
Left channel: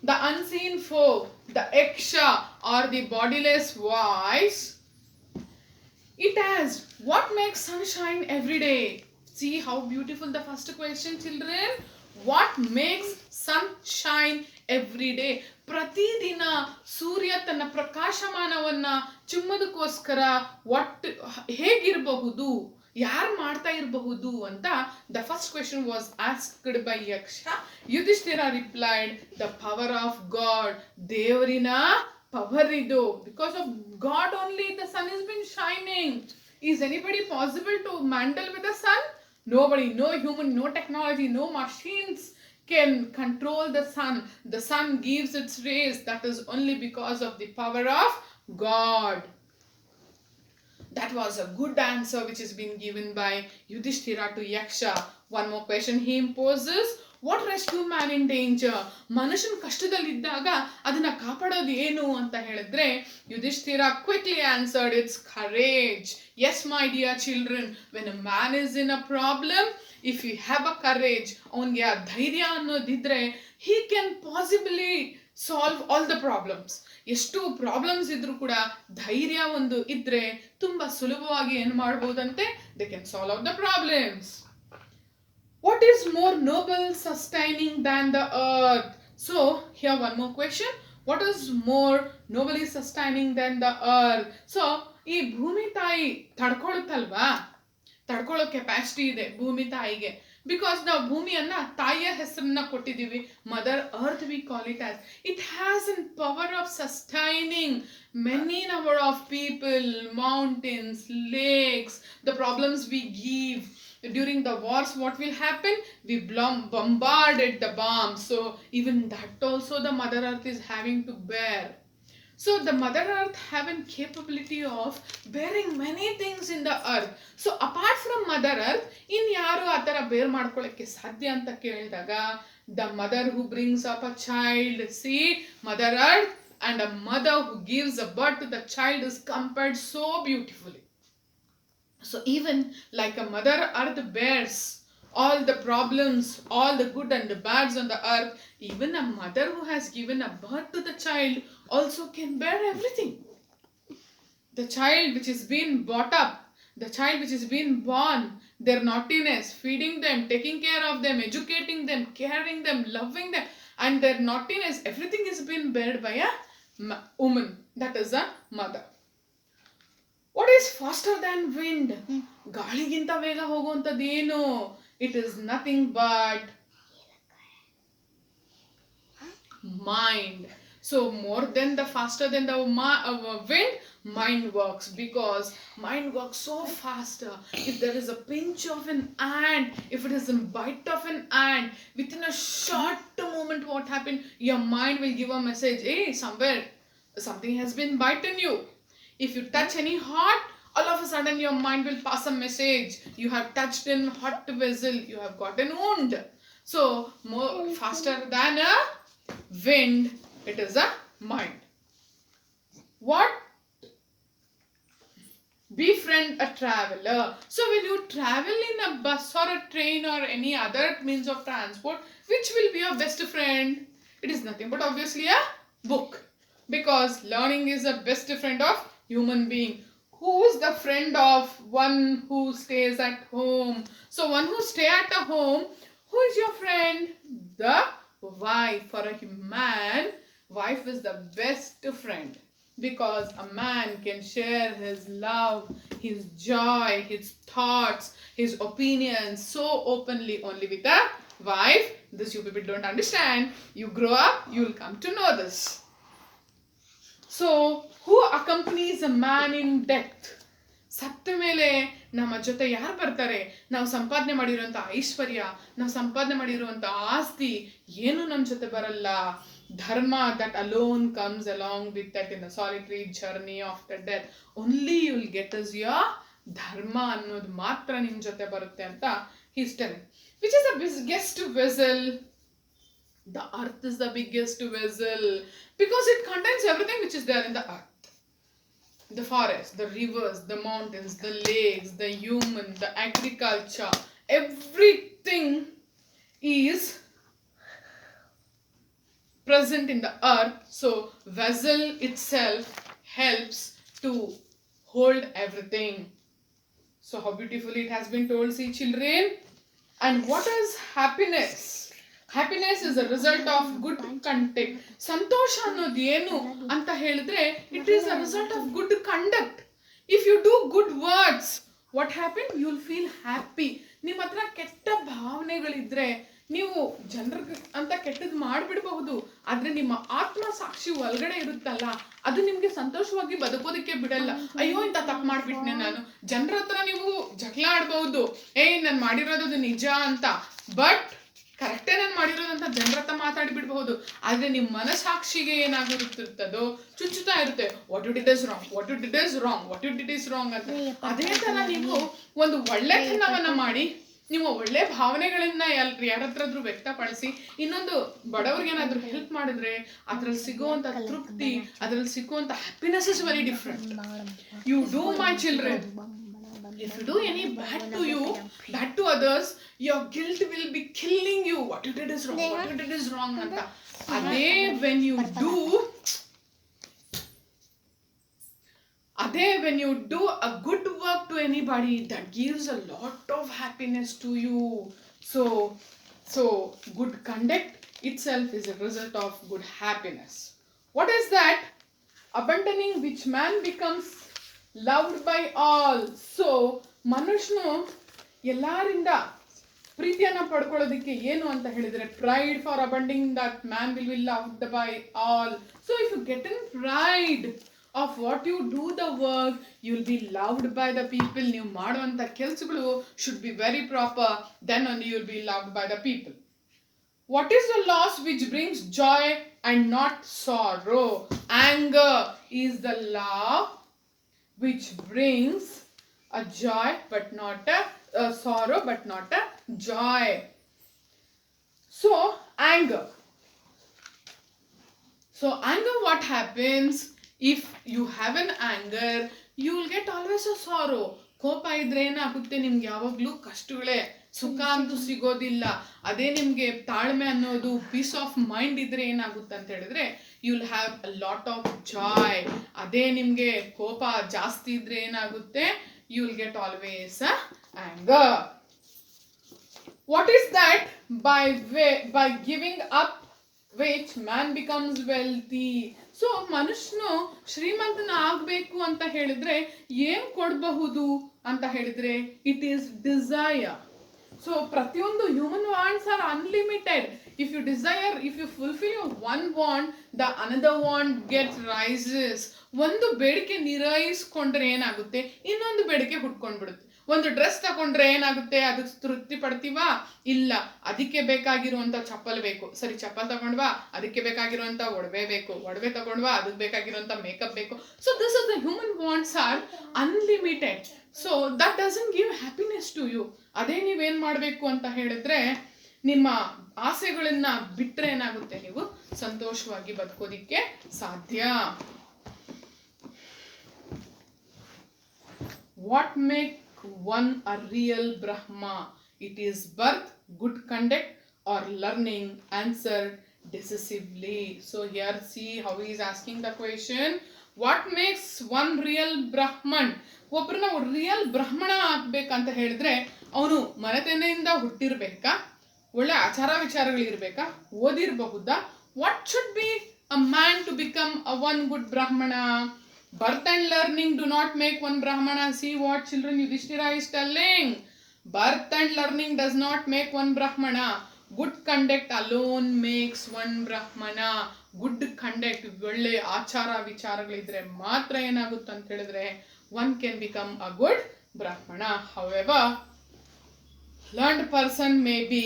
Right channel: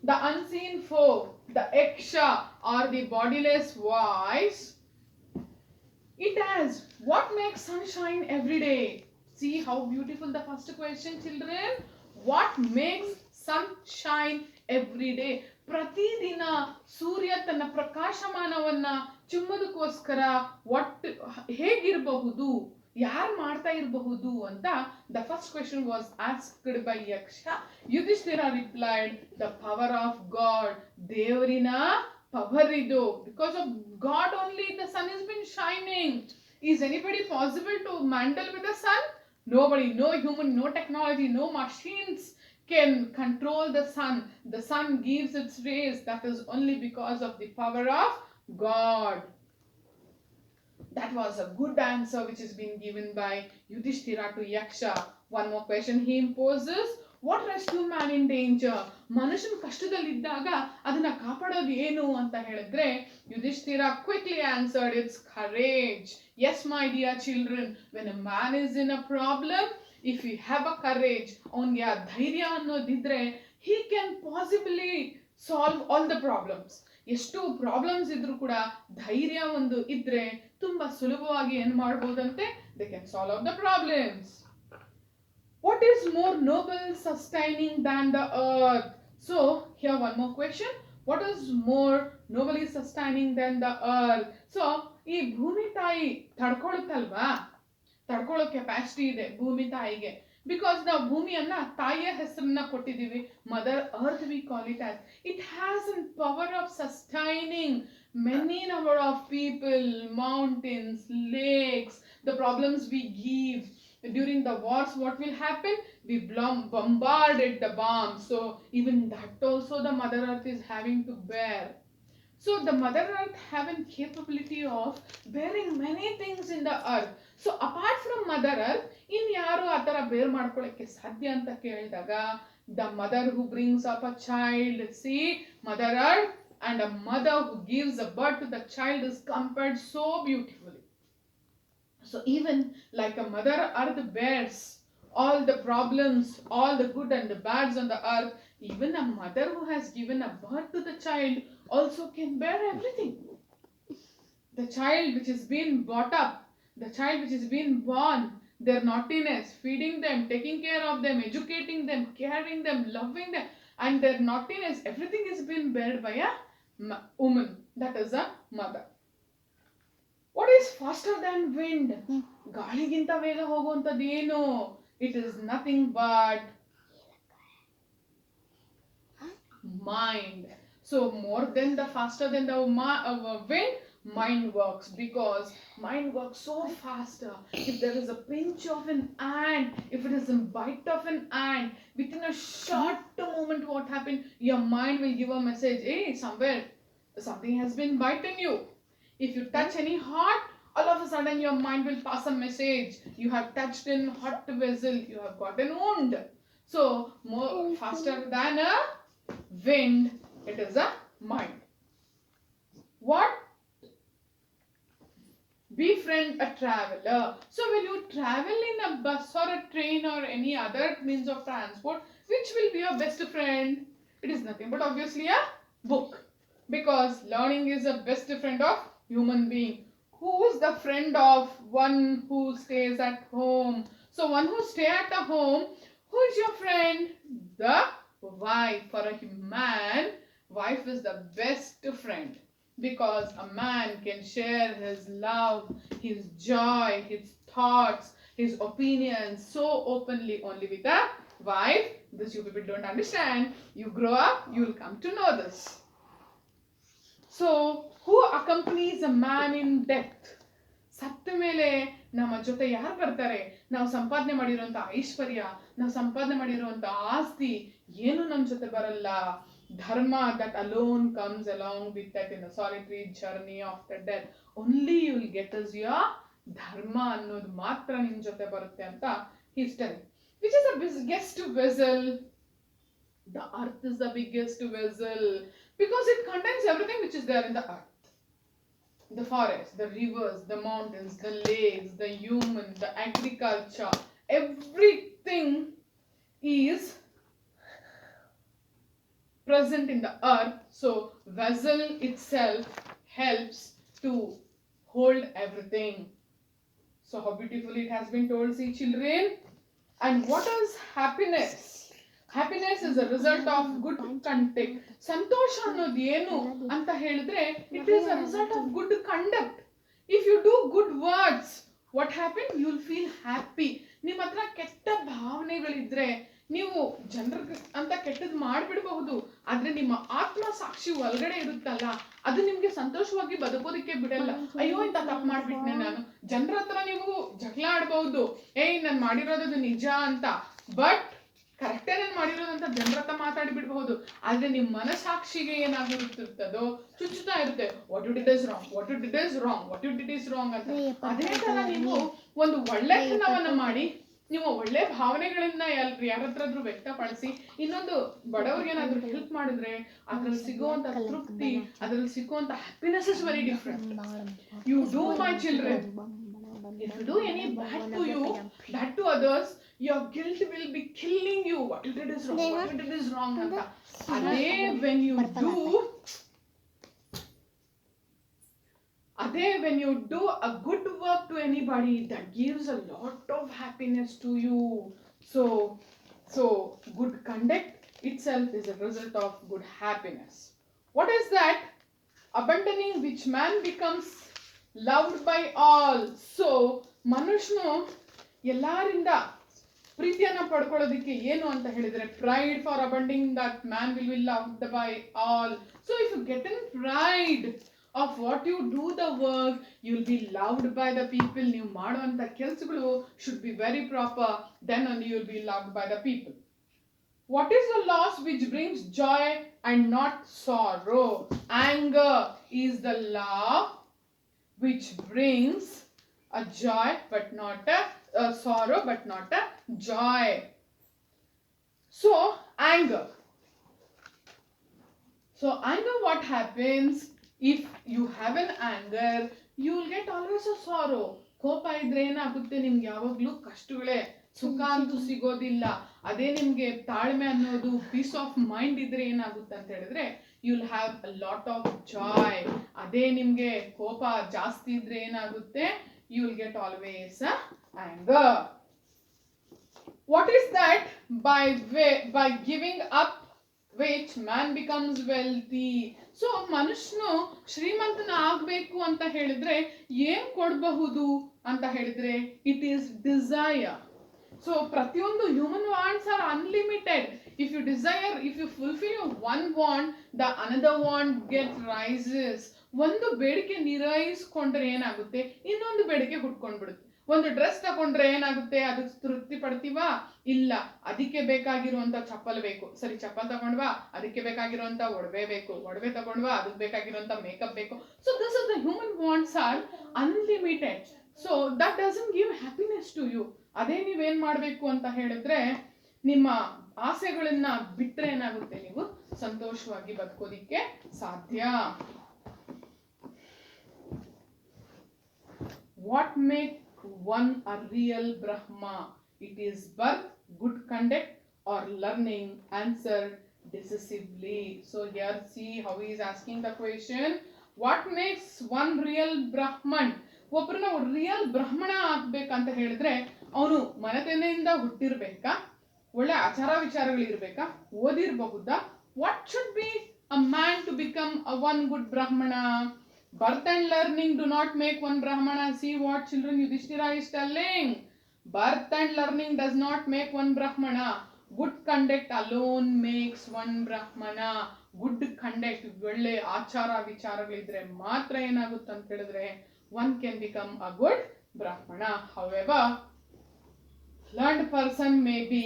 the unseen foe, the Yaksha or the bodiless voice. It asked, what makes sunshine every day? See how beautiful the first question, children. What makes sunshine every day? ಪ್ರತಿದಿನ ಸೂರ್ಯ ತನ್ನ ಪ್ರಕಾಶಮಾನವನ್ನ ಚಿಮ್ಮದಕ್ಕೋಸ್ಕರ ಹೇಗಿರಬಹುದು, ಯಾರು ಮಾಡ್ತಾ ಇರಬಹುದು ಅಂತ the first question was asked by Yaksha. Yudhishthira replied, the power of God. ದೇವರಿನ power ಇದು. Because of God only the sun has been shining. Is anybody possible to mandle with the sun? Nobody. No human, no technology, no machines can control the sun. The sun gives its rays. That is only because of the power of God. That was a good answer which has been given by Yudhishthira to Yaksha. One more question he imposes. What rescue man in danger? ಮನುಷ್ಯನ ಕಷ್ಟದಲ್ಲಿದ್ದಾಗ ಅದನ್ನ ಕಾಪಾಡೋದು ಏನು ಅಂತ ಹೇಳಿದ್ರೆ Yudhishthira quickly answered, it's courage. Yes, my dear children, when a man is in a problem, if he have a courage, ಅವನಿಗೆ ಆ ಧೈರ್ಯ ಅನ್ನೋದಿದ್ರೆ, he can possibly solve all the problems. ಎಷ್ಟು ಪ್ರಾಬ್ಲಮ್ಸ್ ಇದ್ರೂ ಕೂಡ ಧೈರ್ಯ ಒಂದು ಇದ್ರೆ ತುಂಬಾ ಸುಲಭವಾಗಿ ಏನು ಮಾಡಬಹುದಂತೆ, they can solve out the problems. What is more noble sustaining than the earth? So here one more question. What is more nobly sustaining than the earth? So ಈ ಭೂಮಿ ತಾಯಿ ತಡ್ಕೊಳ್ಳುತ್ತಲ್ವಾ, ತಡ್ಕೊಳ್ಳೋ ಕೆಪಾಸಿಟಿ ಇದೆ ಭೂಮಿ ತಾಯಿಗೆ. ಬಿಕಾಸ್ ನಾವು ಭೂಮಿಯನ್ನ ತಾಯಿಯ ಹೆಸರನ್ನ ಕೊಟ್ಟಿದ್ದೀವಿ, mother earth we call it as. It has an power of sustaining many number of people, mountains, lakes, the problems we give. During the wars, what will happen? We bombarded the bombs. So even that also the Mother Earth is having to bear. So the Mother Earth have a capability of bearing many things in the earth. So apart from Mother Earth, in yaru atara bear ಮಾಡ್ಕೊಳ್ಳಕ್ಕೆ ಸಾಧ್ಯ ಅಂತ ಕೇಳಿದಾಗ, the mother who brings up a child, see, Mother Earth and a mother who gives a birth to the child is compared so beautifully. So even like a Mother Earth bears all the problems, all the good and the bads on the earth, even a mother who has given a birth to the child also can bear everything. The child which is being brought up, the child which is being born, their naughtiness, feeding them, taking care of them, educating them, caring them, loving them, and their naughtiness, everything is being bared by a woman, that is a mother. What is faster than wind? ಗಾಳಿಗಿಂತ ವೇಗ ಹೋಗುವಂತದ್ದು ಏನು? It is nothing but mind. So more than the faster than the wind, mind works, because mind works so faster. If there is a pinch of an ant, if it is a bite of an ant, within a short moment what happened? Your mind will give a message, hey, somewhere something has been bitten you. If you touch any hot, all of a sudden your mind will pass a message, you have touched in hot vessel, you have got a wound. So more faster than a wind, it is a mind. What? Befriend a traveler. So when you travel in a bus or a train or any other means of transport, which will be your best friend? It is nothing but obviously a book, because learning is the best friend of human being. Who is the friend of one who stays at home? So one who stay at a home, who is your friend? The wife. For a man, wife is the best friend, because a man can share his love, his joy, his thoughts, his opinions so openly only with a wife. This you people don't understand. You grow up, you will come to know this. So who accompanies a man in death? ಸತ್ತ ಮೇಲೆ ನಮ್ಮ ಜೊತೆ ಯಾರು ಬರ್ತಾರೆ? ನಾವು ಸಂಪಾದನೆ ಮಾಡಿರುವಂತ ಐಶ್ವರ್ಯ, ನಾವು ಸಂಪಾದನೆ ಮಾಡಿರುವಂತ ಆಸ್ತಿ ಏನು ನಮ್ಮ ಜೊತೆ ಬರಲ್ಲ. dharma that alone comes along with that in the solitary journey of the death. Only you will get as your dharma ಅನ್ನೋದು ಮಾತ್ರ ನಿಮ್ ಜೊತೆ ಬರುತ್ತೆ ಅಂತ he's telling. Which is the biggest vessel? The earth is the biggest vessel because it contains everything which is there in the earth. The forest, the rivers, the mountains, the lakes, the human, the agriculture, everything is present in the earth. So vessel itself helps to hold everything. So how beautifully it has been told, see children. And what is happiness? Happiness is a result of good conduct. ಸಂತೋಷ ಅನ್ನೋದು ಏನು ಅಂತ ಹೇಳಿದ್ರೆ it is a result of good conduct. If you do good words, what happen? You will feel happy. ನಿಮ್ಮ ಹತ್ರ ಕೆಟ್ಟ ಭಾವನೆಗಳಿದ್ರೆ ನೀವು ಜನರ ಅಂತ ಕೆಟ್ಟದ್ದು ಮಾಡಿಬಿಡಬಹುದು, ಆದ್ರೆ ನಿಮ್ಮ ಆತ್ಮ ಸಾಕ್ಷಿ ಒಳಗಡೆ ಇರುತ್ತಲ್ಲ ಅದು ನಿಮ್ಗೆ ಸಂತೋಷವಾಗಿ ಬದುಕೋದಕ್ಕೆ ಬಿಡಲ್ಲ. ಅಯ್ಯೋ ಇಂತ ತಪ್ಪು ಮಾಡ್ಬಿಟ್ನೆ ನಾನು. ಜನರ ಹತ್ರ ನೀವು ಜಗಳ ಆಡ್ಬಹುದು, ಏಯ್ ನಾನು ಮಾಡಿರೋದು ನಿಜ ಅಂತ, ಬಟ್ ಕರೆಕ್ಟೇ ನಾನು ಮಾಡಿರೋದಂತ ಜನರ ಹತ್ರ ಮಾತಾಡಿ ಬಿಡಬಹುದು. ಆದ್ರೆ ನಿಮ್ ಮನಸಾಕ್ಷಿಗೆ ಏನಾಗಿರುತ್ತದೋ ಚುಚ್ಚುತ್ತಾ ಇರುತ್ತೆ, what you did is wrong, what you did is wrong, what you did is wrong ಅಂತ. ಅದೇ ತರ ನೀವು ಒಂದು ಒಳ್ಳೆತನವನ್ನ ಮಾಡಿ, ನೀವು ಒಳ್ಳೆ ಭಾವನೆಗಳನ್ನ ಯಾರತ್ರಾದ್ರೂ ವ್ಯಕ್ತಪಡಿಸಿ ಇನ್ನೊಂದು ಬಡವ್ರಿಗೆ ಏನಾದ್ರೂ ಹೆಲ್ಪ್ ಮಾಡಿದ್ರೆ ಅದ್ರಲ್ಲಿ ಸಿಗುವಂತ ತೃಪ್ತಿ, ಅದ್ರಲ್ಲಿ ಸಿಗುವಂತ happiness is very different. You do my children, if you do any bad to you, bad to others, your guilt will be killing you. What you did is wrong, what you did is wrong anta. Ade when you do a good work to anybody, that gives a lot of happiness to you. So good conduct itself is a result of good happiness. What is that? Abandoning which man becomes loved by all. So ಮನುಷ್ಯನು ಎಲ್ಲರಿಂದ ಪ್ರೀತಿಯನ್ನ ಪಡ್ಕೊಳ್ಳೋದಕ್ಕೆ ಏನು ಅಂತ ಹೇಳಿದ್ರೆ pride for abandoning that man will be loved by all. So if you get in pride of what you do the work, you will be loved by the people. ನೀವು ಮಾಡುವಂತ ಕೆಲಸಗಳು should be very proper, then only you will be loved by the people. What is the loss which brings joy and not sorrow? Anger is the love which brings a joy but not a sorrow but not a joy. So anger, what happens? If you have an anger, you will get always a sorrow. ಕೋಪ ಇದ್ರೆ ಏನಾಗುತ್ತೆ, ನಿಮ್ಗೆ ಯಾವಾಗ್ಲೂ ಕಷ್ಟಗಳೇ, ಸುಖ ಅಂತೂ ಸಿಗೋದಿಲ್ಲ. ಅದೇ ನಿಮ್ಗೆ ತಾಳ್ಮೆ ಅನ್ನೋದು, ಪೀಸ್ ಆಫ್ ಮೈಂಡ್ ಇದ್ರೆ ಏನಾಗುತ್ತೆ ಅಂತ ಹೇಳಿದ್ರೆ you will have a lot of joy. ಅದೇ ನಿಮ್ಗೆ ಕೋಪ ಜಾಸ್ತಿ ಇದ್ರೆ ಏನಾಗುತ್ತೆ, you will get always anger. What is that? By giving up which man becomes wealthy. So ಮನುಷ್ಯನು ಶ್ರೀಮಂತನ ಆಗ್ಬೇಕು ಅಂತ ಹೇಳಿದ್ರೆ ಏನ್ ಕೊಡಬಹುದು ಅಂತ ಹೇಳಿದ್ರೆ ಇಟ್ ಈಸ್ ಡಿಸೈರ್. ಸೊ ಪ್ರತಿಯೊಂದು human wants are unlimited. if you fulfill your one want, the another want gets rises. ಒಂದು ಬೇಡಿಕೆ ನಿರಯಿಸ್ಕೊಂಡ್ರೆ ಏನಾಗುತ್ತೆ, ಇನ್ನೊಂದು ಬೇಡಿಕೆ ಹುಟ್ಕೊಂಡ್ಬಿಡುತ್ತೆ. ಒಂದು ಡ್ರೆಸ್ ತಗೊಂಡ್ರೆ ಏನಾಗುತ್ತೆ, ಅದಕ್ಕೆ ತೃಪ್ತಿ ಪಡ್ತೀವಾ? ಇಲ್ಲ, ಅದಕ್ಕೆ ಬೇಕಾಗಿರುವಂತ ಚಪ್ಪಲ್ ಬೇಕು. ಸರಿ, ಚಪ್ಪಲ್ ತಗೊಂಡ್ವಾ, ಅದಕ್ಕೆ ಬೇಕಾಗಿರುವಂತ ಒಡವೆ ಬೇಕು. ಒಡವೆ ತಗೊಂಡ್ವಾ, ಅದಕ್ಕೆ ಬೇಕಾಗಿರುವಂತ ಮೇಕಪ್ ಬೇಕು. So this is the human wants are unlimited. So that doesn't give happiness to you. ಅದೇ ನೀವೇನ್ ಮಾಡ್ಬೇಕು ಅಂತ ಹೇಳಿದ್ರೆ, ನಿಮ್ಮ ಆಸೆಗಳನ್ನ ಬಿಟ್ರೆ ಏನಾಗುತ್ತೆ, ನೀವು ಸಂತೋಷವಾಗಿ ಬದುಕೋದಿಕ್ಕೆ ಸಾಧ್ಯ. What make one a real Brahma? It is birth, good conduct, or learning. Answered decisively. So here see how he is asking the question. What makes one real Brahman? ಒಬ್ರು ನಾವು ರಿಯಲ್ ಬ್ರಾಹ್ಮಣ ಆಗ್ಬೇಕಂತ ಹೇಳಿದ್ರೆ ಅವನು ಮನೆತನೆಯಿಂದ ಹುಟ್ಟಿರ್ಬೇಕಾ, ಒಳ್ಳೆ ಆಚಾರ ವಿಚಾರಗಳಿರ್ಬೇಕಾ, ಓದಿರಬಹುದಾ? What should be a man to become a one good Brahmana? Birth and learning do not make one Brahmana. See what children Yudhishthira is telling. Birth and learning does not make one Brahmana. Good conduct alone makes one Brahmana. Good conduct, ಒಳ್ಳೆ ಆಚಾರ ವಿಚಾರಗಳಿದ್ರೆ ಮಾತ್ರ ಏನಾಗುತ್ತೆ ಅಂತ ಹೇಳಿದ್ರೆ one can become a good Brahmana. However, learned person may be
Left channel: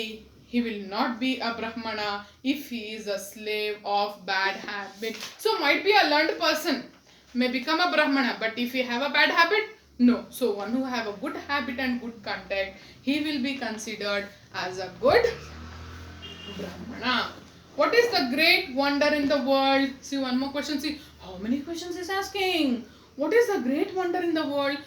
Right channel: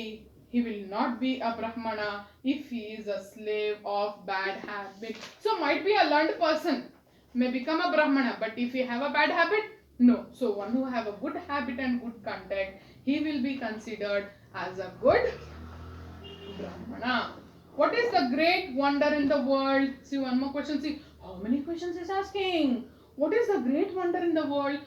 he will not be a brahmana if he is a slave of bad habit. So might be a learned person may become a brahmana, but if he have a bad habit, no. So one who have a good habit and good contact, he will be considered as a good brahmana. What is the great wonder in the world? See, one more question. See, how many questions is asking? What is the great wonder in the world?